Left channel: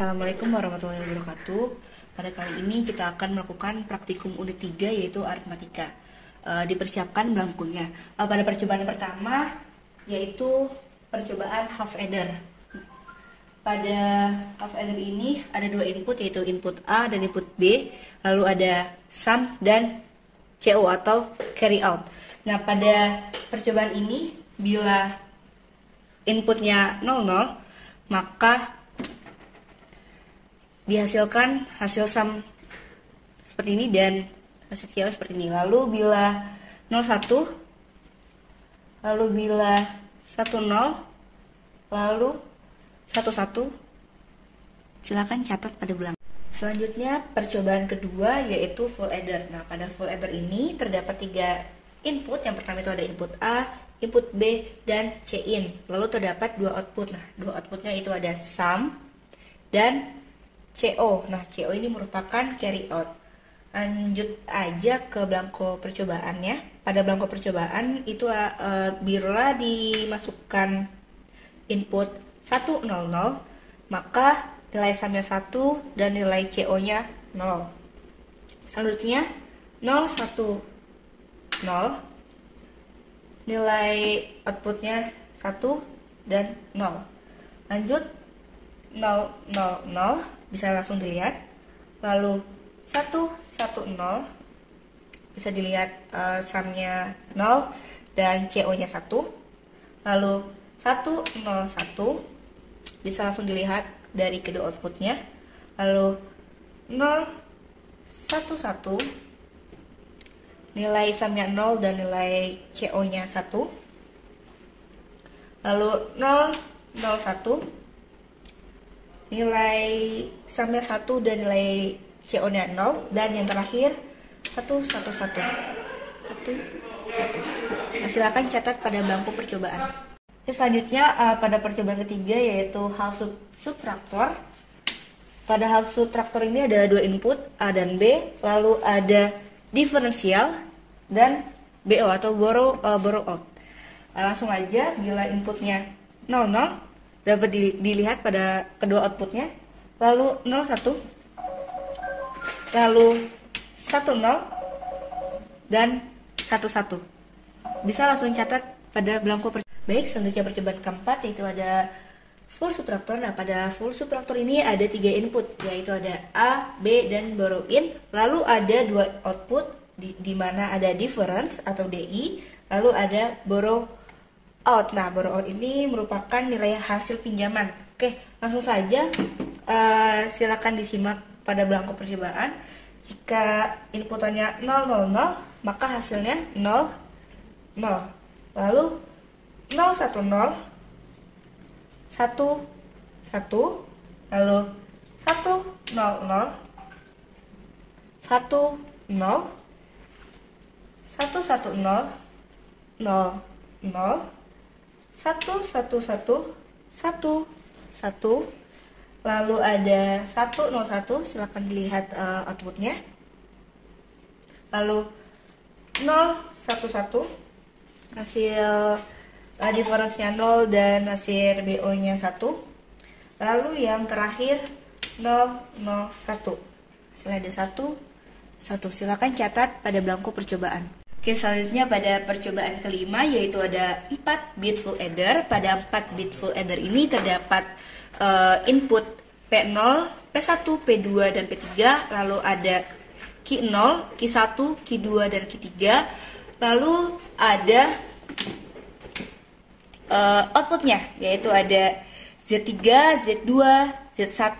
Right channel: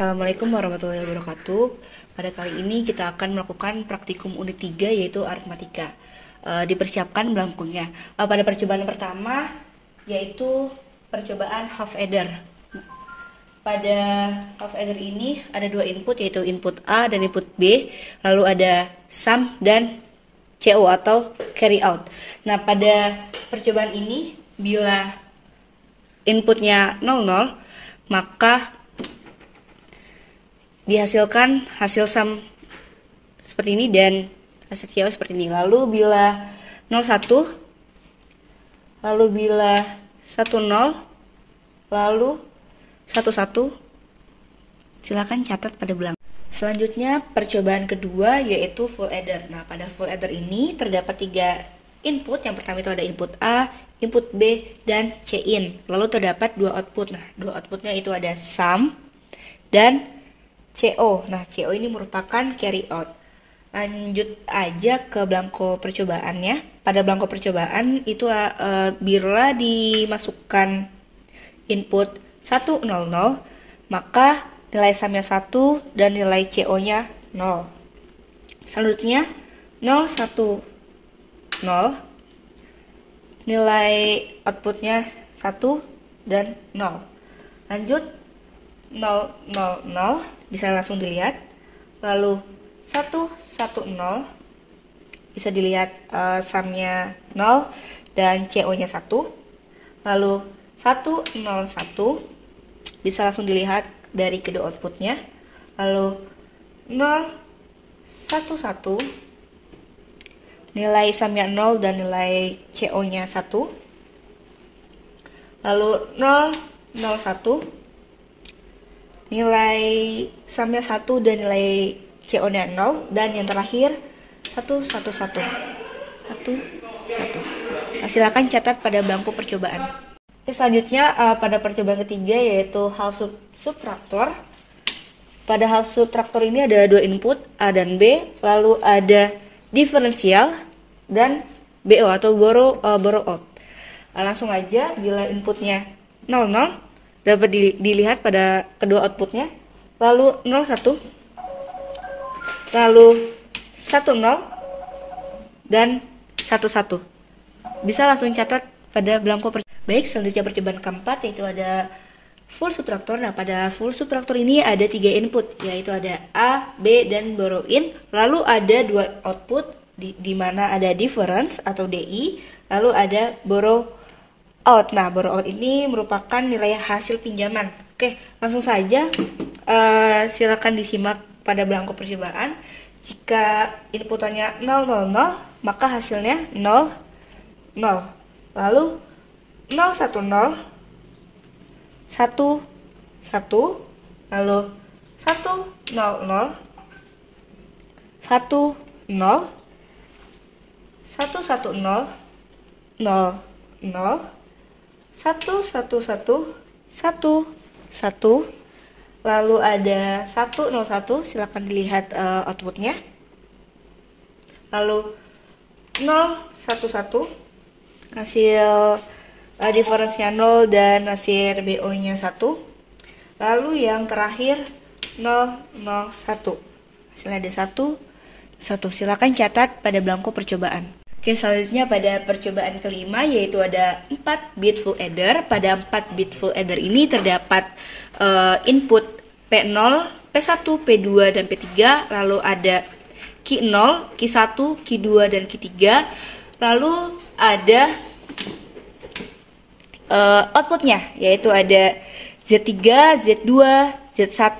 Assalamualaikum warahmatullahi wabarakatuh. Pada kali ini kita akan melakukan praktikum unit 3 yaitu aritmatika. Dipersiapkan belangkunya. Pada percobaan pertama yaitu percobaan half adder. Pada half adder ini ada dua input yaitu input A dan input B, lalu ada sum dan CO atau carry out. Nah, pada percobaan ini bila inputnya 00 maka dihasilkan hasil sum seperti ini dan hasil CO seperti ini. Lalu bila 01, lalu bila 10, lalu 11, silakan catat pada belakang. Selanjutnya percobaan kedua yaitu full adder. Nah, pada full adder ini terdapat 3 input. Yang pertama itu ada input A, input B, dan C-in. Lalu terdapat 2 output. Nah, 2 outputnya itu ada sum dan CO. Nah, CO ini merupakan carry out. Lanjut aja ke belangko percobaannya. Pada belangko percobaan itu bila dimasukkan input 100, maka nilai sumnya 1 dan nilai CO-nya 0. Selanjutnya 010, nilai outputnya 1 dan 0. Lanjut 000 bisa langsung dilihat. Lalu 110 bisa dilihat sumnya 0 dan CO-nya 1. Lalu 101 bisa langsung dilihat dari kedua outputnya. Lalu 011 nilai sumnya 0 dan nilai CO-nya 1. Lalu 001 nilai sumnya 1 dan nilai CO-nya 0, dan yang terakhir 111. Silakan catat pada belangko percobaan. Selanjutnya pada percobaan ketiga yaitu half subtraktor. Pada half subtraktor ini ada 2 input A dan B, lalu ada diferensial dan BO atau borrow out. Langsung aja, bila inputnya 00 dapat dilihat pada kedua outputnya, lalu 01, lalu 10 dan 11. Bisa langsung catat pada belangko Baik, selanjutnya percobaan keempat yaitu ada full subtraktor. Nah, pada full subtraktor ini ada 3 input yaitu ada A, B, dan borrow in. Lalu ada 2 output di mana ada difference atau DI, lalu ada borrow out. Nah, borrow out ini merupakan nilai hasil pinjaman. Oke, langsung saja silakan disimak pada belangko percobaan. Jika inputannya 000 maka hasilnya 0, 0. Lalu 010, 1, 1, lalu 100, 1, 0, 110, 0, 0, 111, 1, 1, lalu ada 101, silakan dilihat outputnya. Lalu 011 hasil diferensinya 0 dan hasil BO-nya 1. Lalu yang terakhir 001. Hasilnya ada 1. Silakan catat pada belangko percobaan. Oke, selanjutnya pada percobaan kelima yaitu ada 4 bit full adder. Pada 4 bit full adder ini terdapat input P0, P1, P2, dan P3. Lalu ada Q0, Q1, Q2, dan Q3. Lalu ada outputnya yaitu ada Z3, Z2, Z1,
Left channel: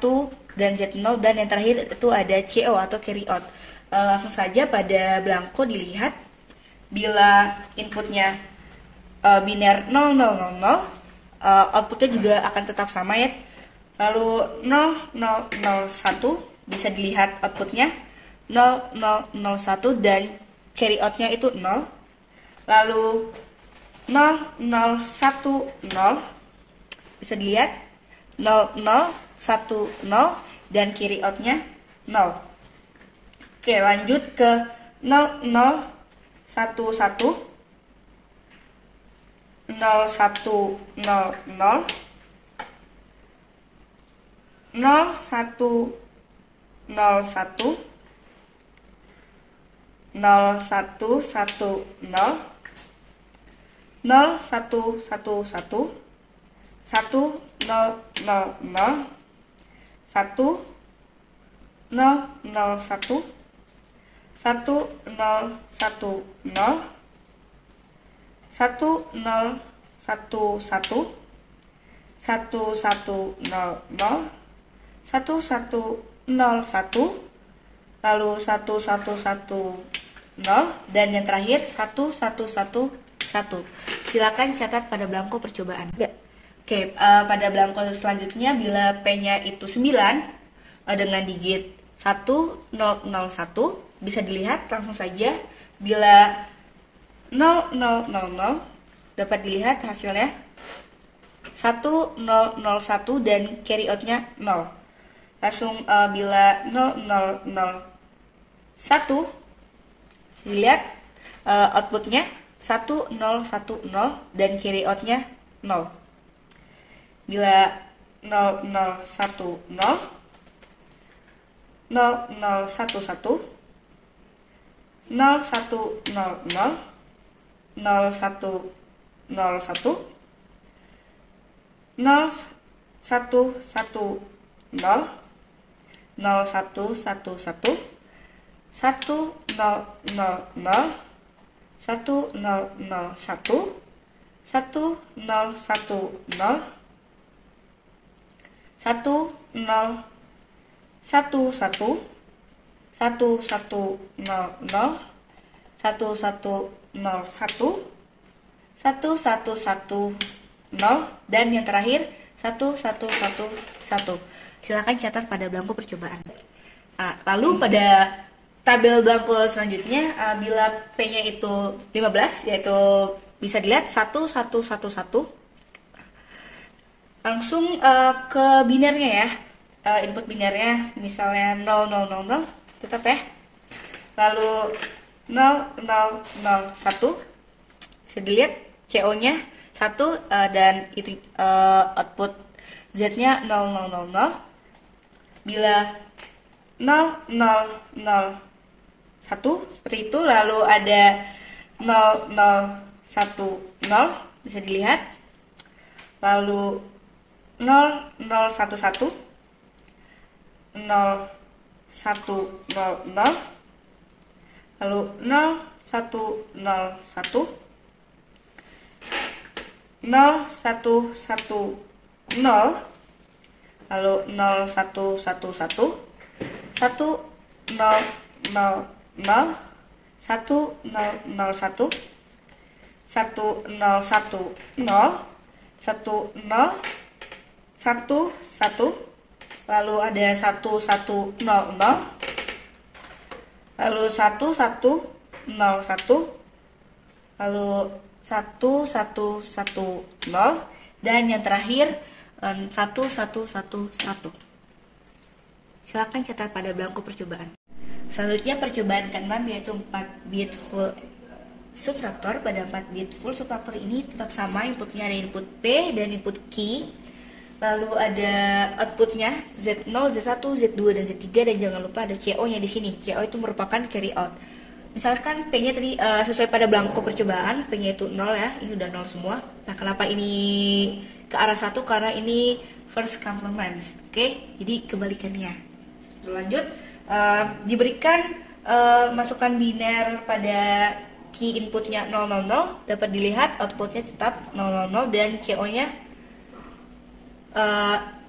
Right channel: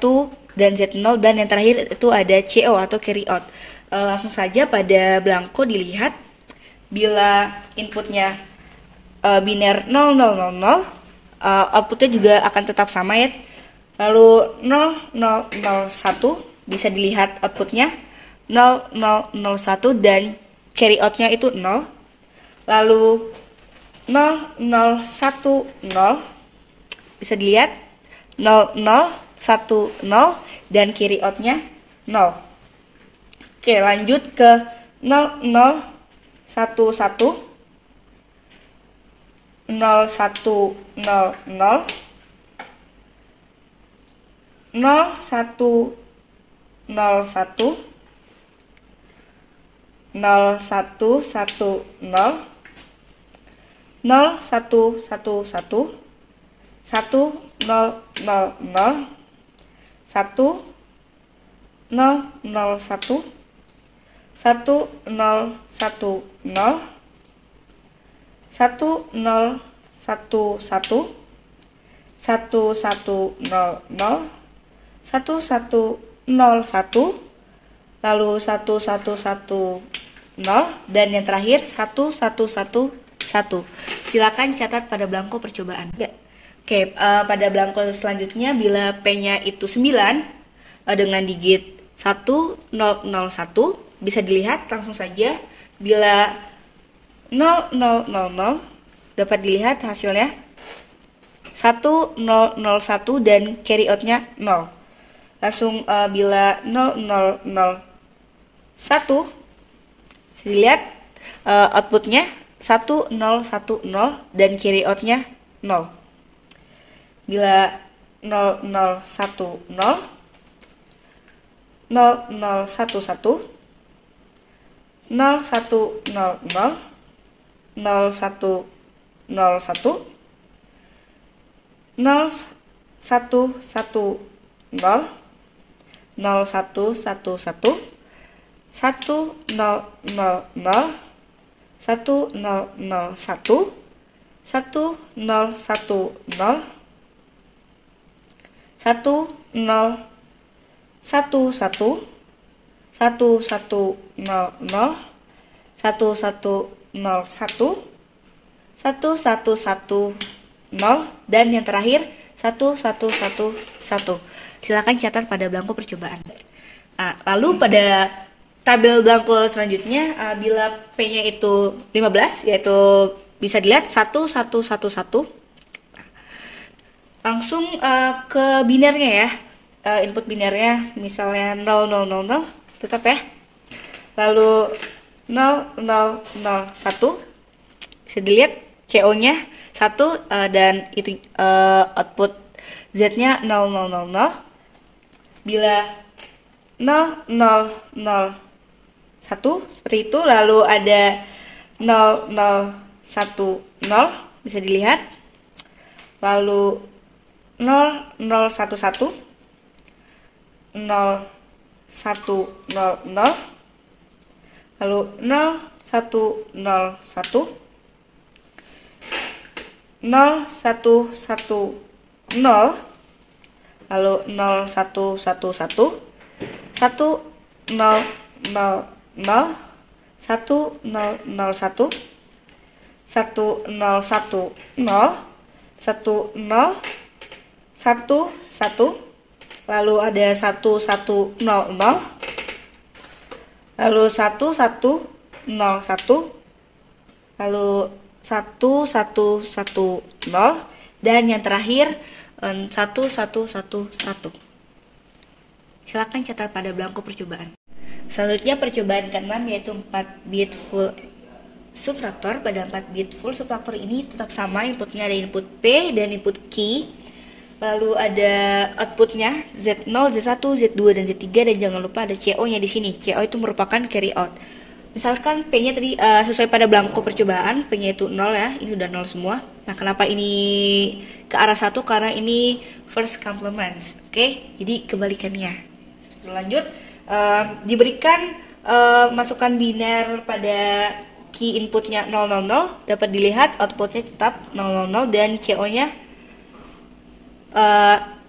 dan Z0, dan yang terakhir itu ada CO atau carry out. Langsung saja pada belangko dilihat. Bila inputnya biner 0000, outputnya juga akan tetap sama ya. Lalu 0001 bisa dilihat outputnya 0001 dan carry outnya itu 0. Lalu 0010 bisa dilihat 0010 dan carry outnya 0. Oke, lanjut ke 0011, 0100, 0 1 0 1 0 1 1 0 0 1 1 1 1 0 0 0 1 0 0 1 1 0 1 0 1 0 1 1 1 1 0 0 1 1 0 1, lalu 1 1 1 0, dan yang terakhir 1 1 1 1. Silakan catat pada belangko percobaan. Oke, pada belangko selanjutnya bila P-nya itu 9 dengan digit 1001, bisa dilihat langsung saja. Bila 0000 dapat dilihat hasilnya 1001 dan carry out-nya 0. Langsung bila 0001 dilihat outputnya 1010 dan carry outnya 0. Bila 0010 0011 0100 0101 0110 0111 1000 1001 1010 1011 1100 1101 1110 dan yang terakhir 1111. Silakan catat pada belangko percobaan. Lalu pada tabel belangko selanjutnya bila P-nya itu 15, yaitu bisa dilihat 1111. Langsung ke binernya ya. Input binernya misalnya 0000 tetap ya. Lalu 0001 bisa dilihat CO-nya 1 dan itu output Z-nya 0000. Bila 0001 seperti itu, lalu ada 0010 bisa dilihat, lalu 0011 0100 lalu 0101 0110 lalu 0111 1000 1001 1010 1011 lalu ada 1100 lalu 1101 lalu 1110 dan yang terakhir 1111. Silakan catat pada belangko percobaan. Selanjutnya percobaan ke-6 yaitu 4 bit full subtraktor. Pada 4 bit full subtraktor ini tetap sama, inputnya ada input P dan input Q. Lalu ada outputnya Z0, Z1, Z2 dan Z3 dan jangan lupa ada CO-nya di sini. CO itu merupakan carry out. Misalkan P-nya tadi sesuai pada belangko percobaan, P-nya itu 0 ya, ini udah 0 semua. Nah, kenapa ini ke arah 1? Karena ini first complements. Oke, jadi kebalikannya. Lanjut, diberikan masukan biner pada key inputnya 000, dapat dilihat outputnya tetap 000 dan CO-nya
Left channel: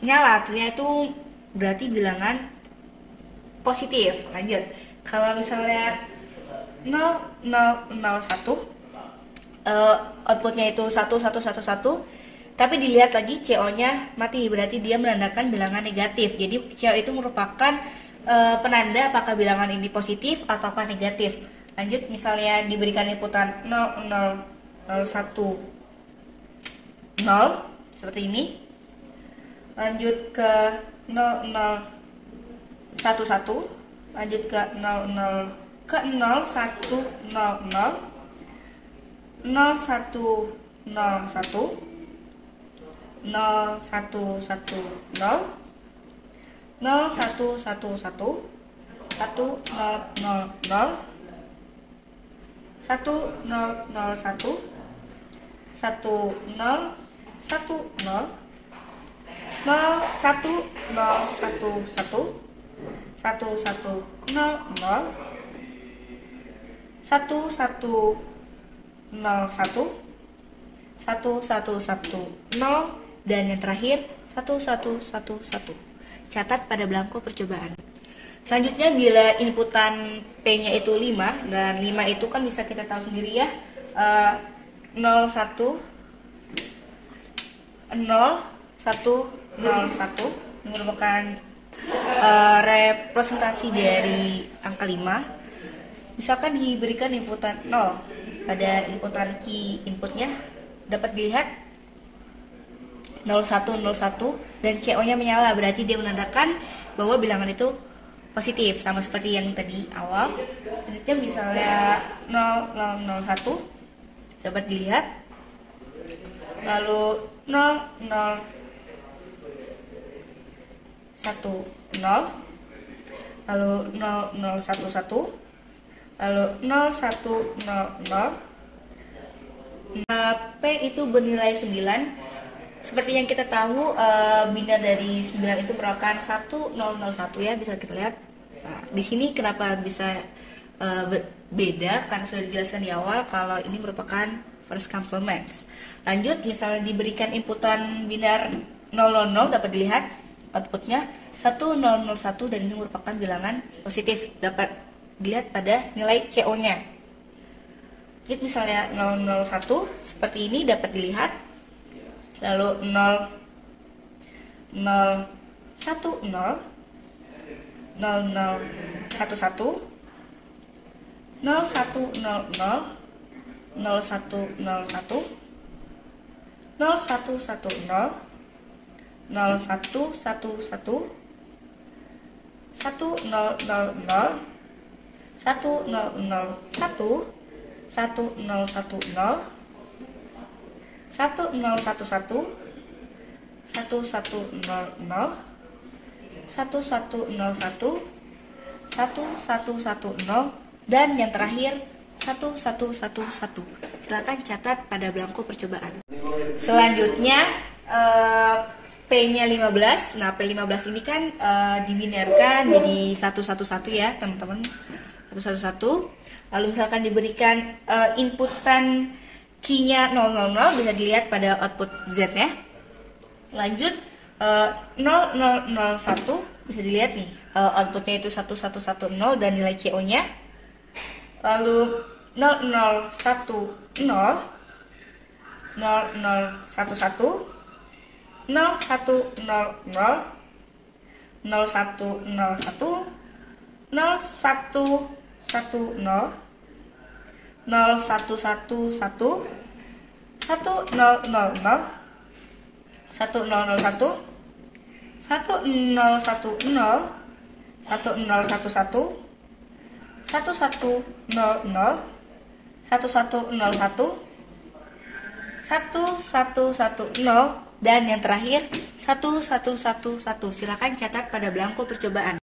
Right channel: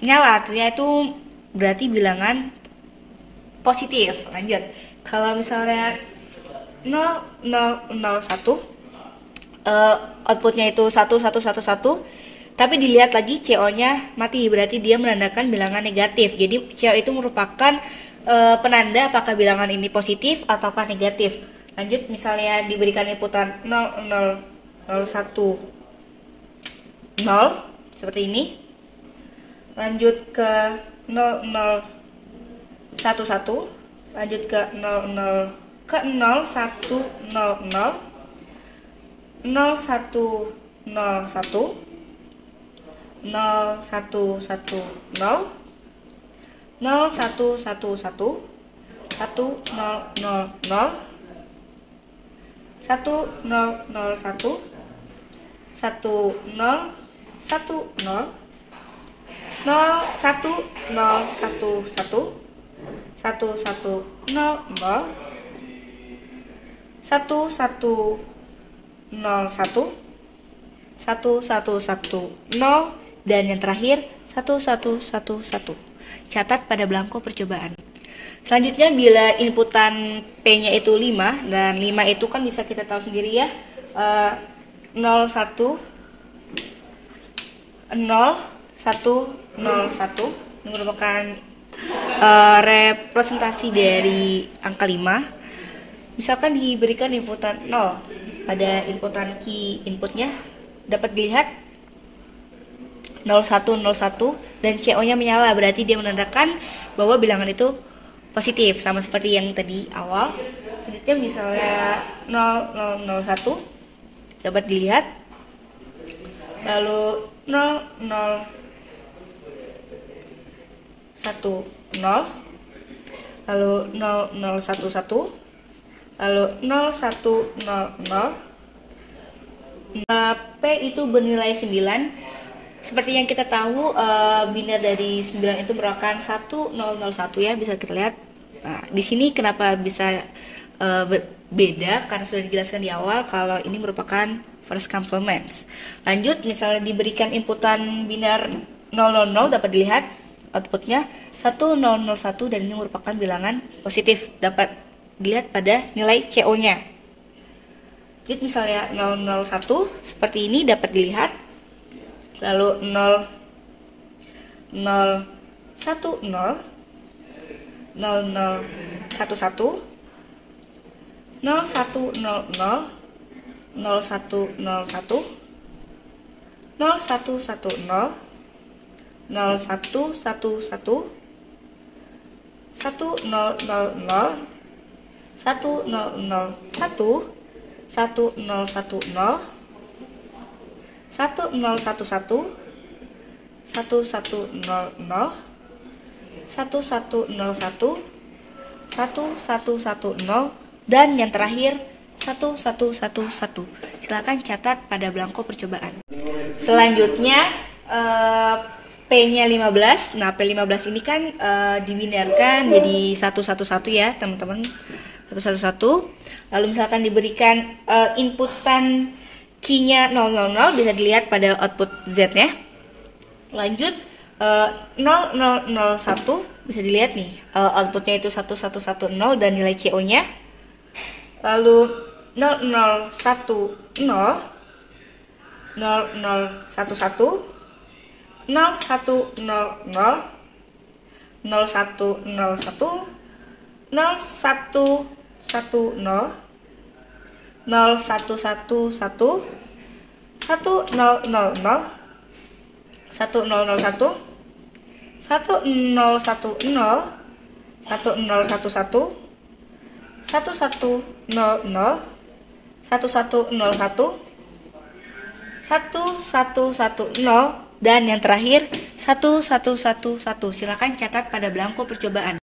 nyala, artinya itu berarti bilangan positif. Lanjut, kalau misalnya 0001 outputnya itu 1111 tapi dilihat lagi CO-nya mati, berarti dia menandakan bilangan negatif. Jadi CO itu merupakan penanda apakah bilangan ini positif ataukah negatif. Lanjut, misalnya diberikan inputan 0001 0 seperti ini, lanjut ke 0011, lanjut ke 0100 0101 0110 0 1 1 1 1 0 0 0 1 0 0 1 1 0 1 0 0 1 0 1 1 1 1 0 0 1 1 0 1 1 1 1 0 dan yang terakhir 1 1 1 1. Catat pada belangko percobaan. Selanjutnya bila inputan P-nya itu 5 dan 5 itu kan bisa kita tahu sendiri ya, 0 1 0 1 0 1 merupakan representasi dari angka 5. Misalkan diberikan inputan 0 pada inputan key inputnya, dapat dilihat 0101 dan CO-nya menyala, berarti dia menandakan bahwa bilangan itu positif, sama seperti yang tadi awal. Selanjutnya misalnya 0001 dapat dilihat, lalu 0010, lalu 0011, lalu 0100. P itu bernilai 9. Seperti yang kita tahu, biner dari 9 itu merupakan 1001 ya, bisa kita lihat. Nah, di sini kenapa bisa beda, karena sudah dijelaskan di awal kalau ini merupakan first complements. Lanjut, misalnya diberikan inputan biner 000, dapat dilihat outputnya 1001 dan ini merupakan bilangan positif, dapat dilihat pada nilai CO-nya. Jadi misalnya 001 seperti ini dapat dilihat, lalu 0 0 1 0 0 0 1 1 0 1 0 0 0 1 0 1 0 1 1 0 1 1 0 0 dan yang terakhir 1111. Silakan catat pada belangko percobaan. Selanjutnya P-nya 15. Nah, P15 ini kan dibinarkan jadi 111 ya, teman-teman. 111. Lalu misalkan diberikan inputan key-nya 000, bisa dilihat pada output Z-nya. Lanjut 0001 bisa dilihat nih, outputnya itu 1110 dan nilai CO-nya. Lalu 0010 0011 0100 0101 0110 0111 1001 dan yang terakhir 1111. Silakan catat pada belangko percobaan.